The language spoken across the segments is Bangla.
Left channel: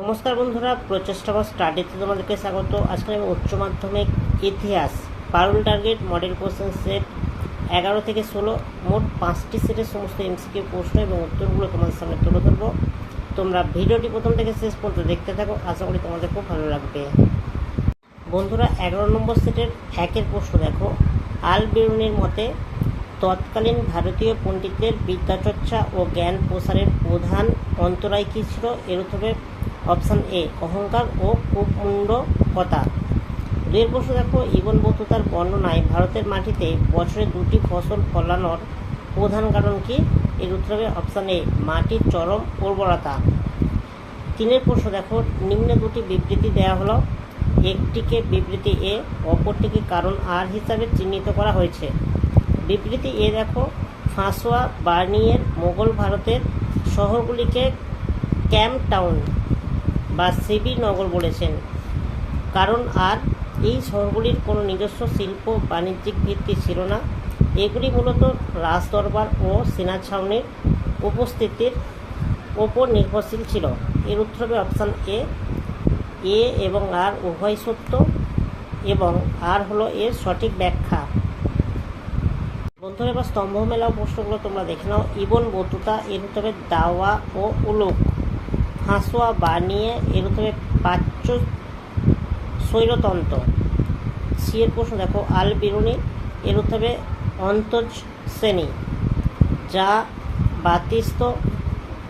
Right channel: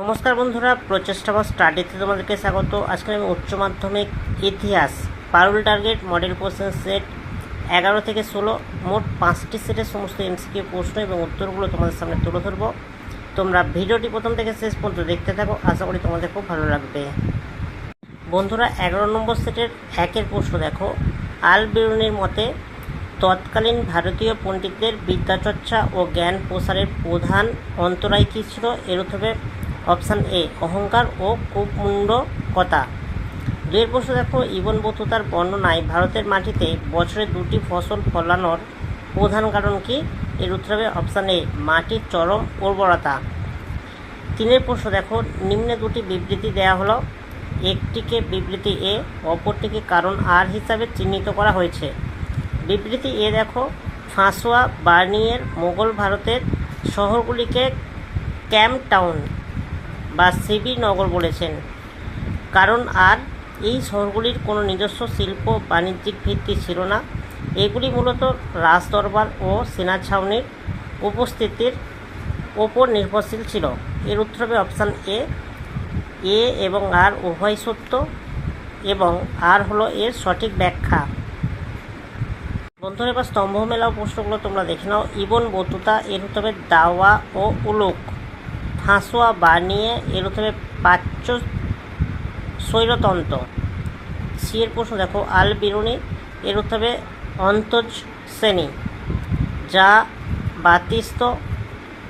নমস্কার বন্ধুরা, প্রচেষ্টা বা স্টাডিতে তোমাদেরকে স্বাগত। আজকে আমি উচ্চ মাধ্যমিক ইতিহাস পারুল টার্গেট মডেল কোশ্চেন সেট 11 থেকে 16 মোট 5টি সেটের সমস্ত এমসিকিউ প্রশ্ন এবং উত্তরগুলো তোমাদের সামনে তুলে ধরবো। তোমরা ভিডিওটি প্রথম থেকে শেষ পর্যন্ত দেখতে থাকো, আশা করি তোমাদের খুব ভালো লাগবে। বন্ধুরা, 11 নম্বর সেটের 1-এর প্রশ্ন দেখো। আল বিরুনির মতে তৎকালীন ভারতীয় পণ্ডিতদের বিদ্যাচর্চা ও জ্ঞান প্রসারের প্রধান অন্তরায় কী ছিল? এর উত্তরে অপশান এ অহংকার ও কুমুন্ডকতা। 2-এর প্রশ্ন দেখো। ইবন বতুতার বর্ণনায় ভারতের মাটিতে বছরে 2টি ফসল ফলানোর প্রধান কারণ কি? এর উত্তর হবে অপশান এ মাটির চরম উর্বরতা। 3-এর প্রশ্ন দেখো। নিম্নে 2টি বিবৃতি দেওয়া হলো, একটিকে বিবৃতি এ, অপরটিকে কারণ আর হিসাবে চিহ্নিত করা হয়েছে। বিবৃতি এ দেখো, ফাঁসোয়া বার্নিয়ের মোগল ভারতের শহরগুলিকে ক্যাম্প টাউন বা সিবি নগর বলেছেন। কারণ আর, এই শহরগুলির কোনো নিজস্ব শিল্প বাণিজ্যিক ভিত্তি ছিল না, এগুলি মূলত রাজদরবার ও সেনা ছাউনির উপস্থিতির ওপর নির্ভরশীল ছিল। এর উত্তর হবে অপশান এ। এ এবং আর উভয় সত্য এবং আর হলো এর সঠিক ব্যাখ্যা। বন্ধুরা, এবার স্তম্ভ মেলাও প্রশ্নগুলো তোমরা দেখে নাও। ইবন বতুতা, এর উত্তর হবে দাওয়া ও উলুক। ফাঁসোয়া বার্নিয়ে, এর উত্তর হবে প্রাচ্য স্বৈরতন্ত্র। সি এর প্রশ্ন দেখো। আল বিরুনি, এর উত্তর হবে অন্তজ শ্রেণী। যা বাতিস্ত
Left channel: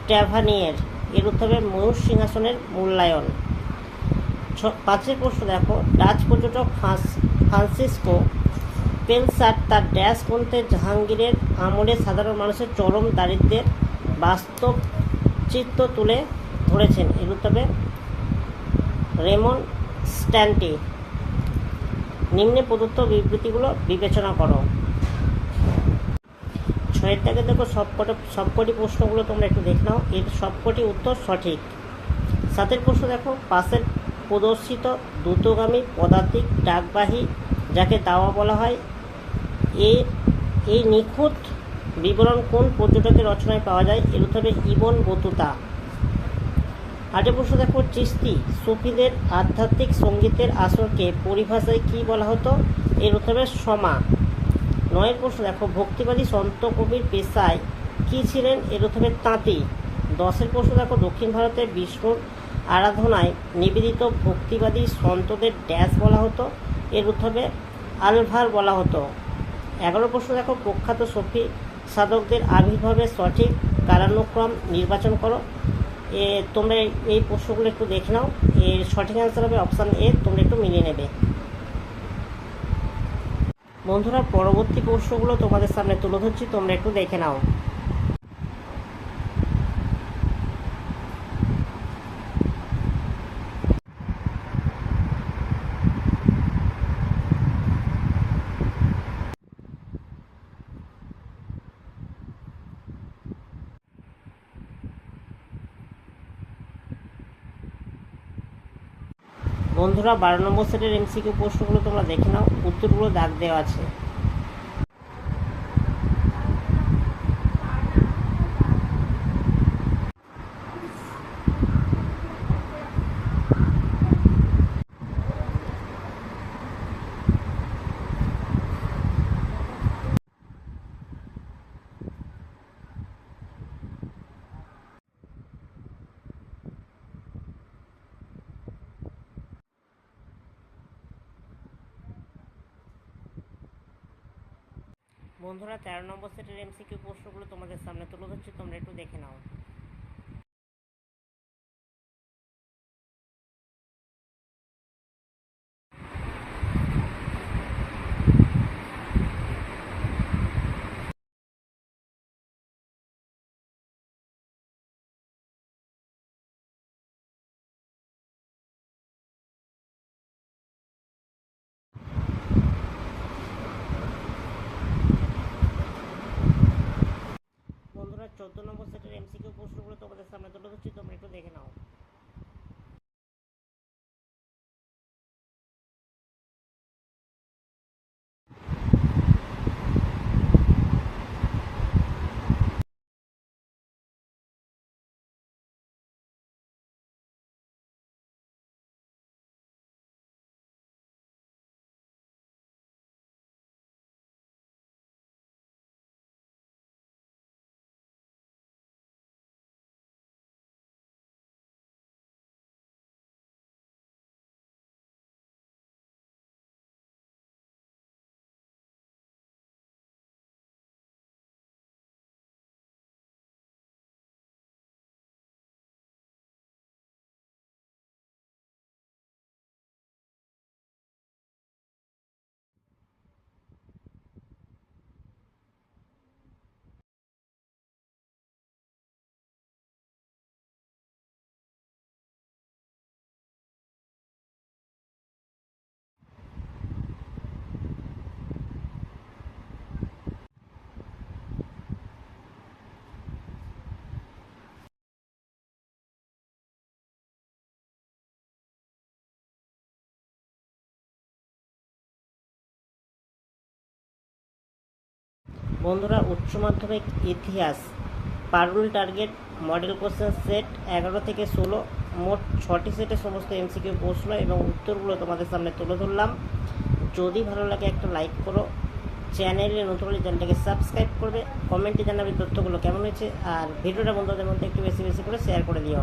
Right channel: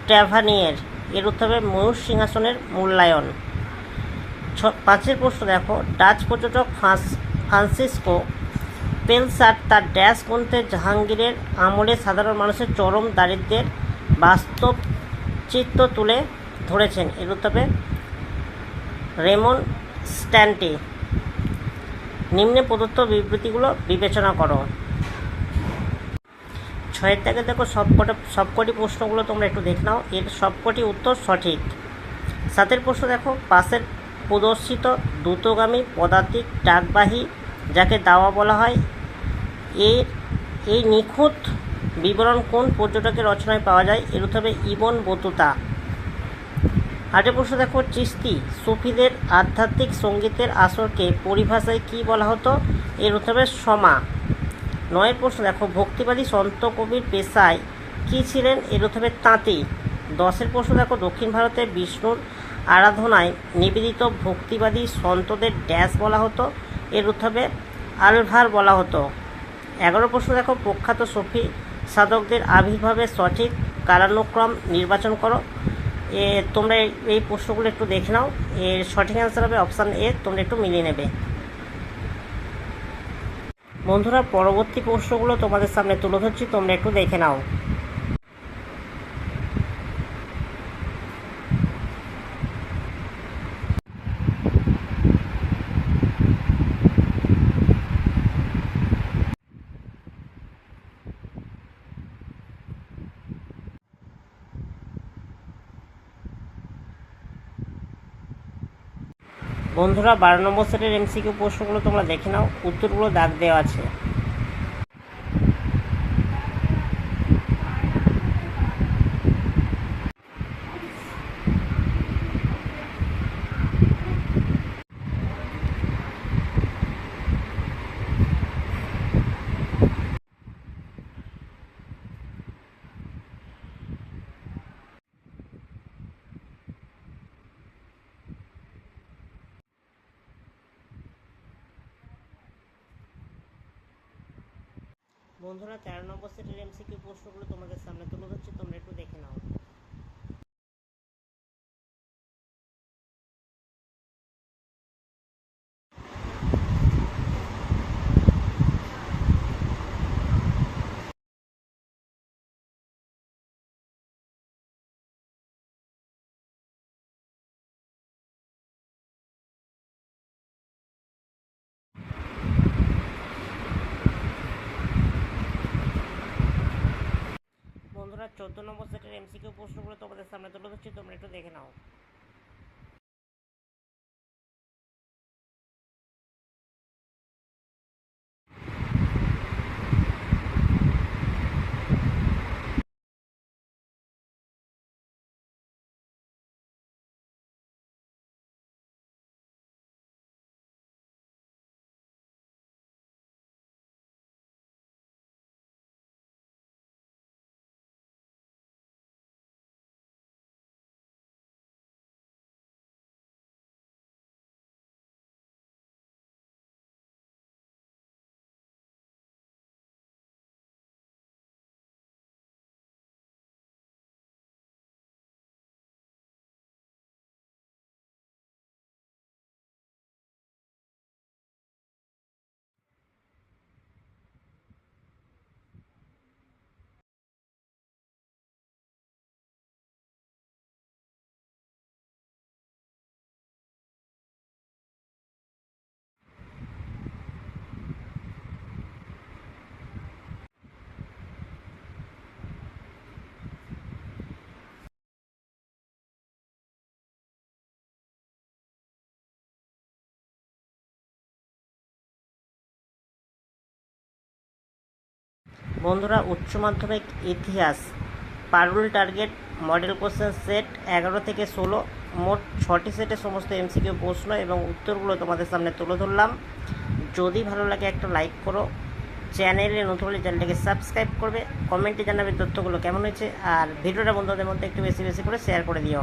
ট্র্যাভানিয়ের, এর উত্তর হবে ময়ূর সিংহাসনের মূল্যায়ন। 5-এর প্রশ্ন দেখো। ডাচ পর্যটক ফ্রান্সিসকো পেলসার্ট তার ড্যাশ গ্রন্থে জাহাঙ্গীরের আমলে সাধারণ মানুষের চরম দারিদ্র্যের বাস্তব চিত্র তুলে ধরেছেন। এর উত্তর হবে রেমন স্ট্যান্টি। নিম্নে প্রদত্ত বিবৃতিগুলো বিবেচনা করো। 6-এর থেকে দেখো, সবকটি প্রশ্নগুলো তোমরা একটু দেখে নাও, এর সবকটি উত্তর সঠিক। 7-এর প্রশ্ন দেখো। পাশের প্রদর্শিত দ্রুতগামী পদাতিক ডাকবাহী যাকে দাওয়া বলা হয়, এই নিখুঁত বিবরণ কোন পর্যটকের রচনায় পাওয়া যায়? এর উত্তর হবে ইবন বতুতা। 8-এর প্রশ্ন দেখো। চিশতি সুফিদের আধ্যাত্মিক সঙ্গীতের আসরকে পরিভাষায় কী বলা হতো? এর উত্তর হবে সমা। 9-এর প্রশ্ন দেখো। ভক্তিবাদী সন্ত কবির পেশায় কী ছিলেন? এর উত্তর হবে তাঁতি। 10-এর প্রশ্ন দেখো। দক্ষিণ ভারতে বিষ্ণুর আরাধনায় নিবেদিত ভক্তিবাদী সন্তদের ড্যাশ বলা হতো? এর উত্তর হবে আলভার বলা হতো। 11 প্রশ্ন দেখো। প্রখ্যাত সফি সাধকদের আবির্ভাবের সঠিক কালানুক্রম নির্বাচন করো। তোমরা এই প্রশ্নগুলো একটু দেখে নাও, এর সঠিক অ্যান্সার হবে অপশান এ। তোমরা একটু মিলিয়ে নেবে। বন্ধুরা, পরবর্তী প্রশ্নগুলো তোমাদের সামনে তুলে ধরছি, তোমরা একটু দেখে নাও। বন্ধুরা, 12 নম্বর সেটের এমসিকিউ প্রশ্নগুলো তোমরা দেখে নাও, উত্তরগুলো দাগ দেওয়া আছে। বন্ধুরা, 13 নম্বর সেটের এমসিকিউ প্রশ্নগুলো তোমাদের সামনে তুলে ধরছি, তোমরা একটু দেখে নাও। বন্ধুরা, 14 নম্বর সেটের এমসিকিউ প্রশ্নগুলো তোমাদের সামনে তুলে ধরছি, তোমরা একটু দেখে নাও। বন্ধুরা, উচ্চ মাধ্যমিক ইতিহাস পারুল টার্গেট মডেল কোশ্চেন সেট 11 থেকে 16 মোট 6টি সেটে সমস্ত এমসিকিউ প্রশ্ন এবং উত্তরগুলো তোমাদের সামনে তুলে ধরলাম। যদি ভালো লাগে একটা লাইক করো, চ্যানেলে নতুন হলে চ্যানেলটাকে সাবস্ক্রাইব করবে, কমেন্টে জানাবে তথ্যগুলো কেমন হয়েছে, আর ভিডিওটা বন্ধুদের মধ্যে একটু বেশি বেশি করে শেয়ার করে দিও।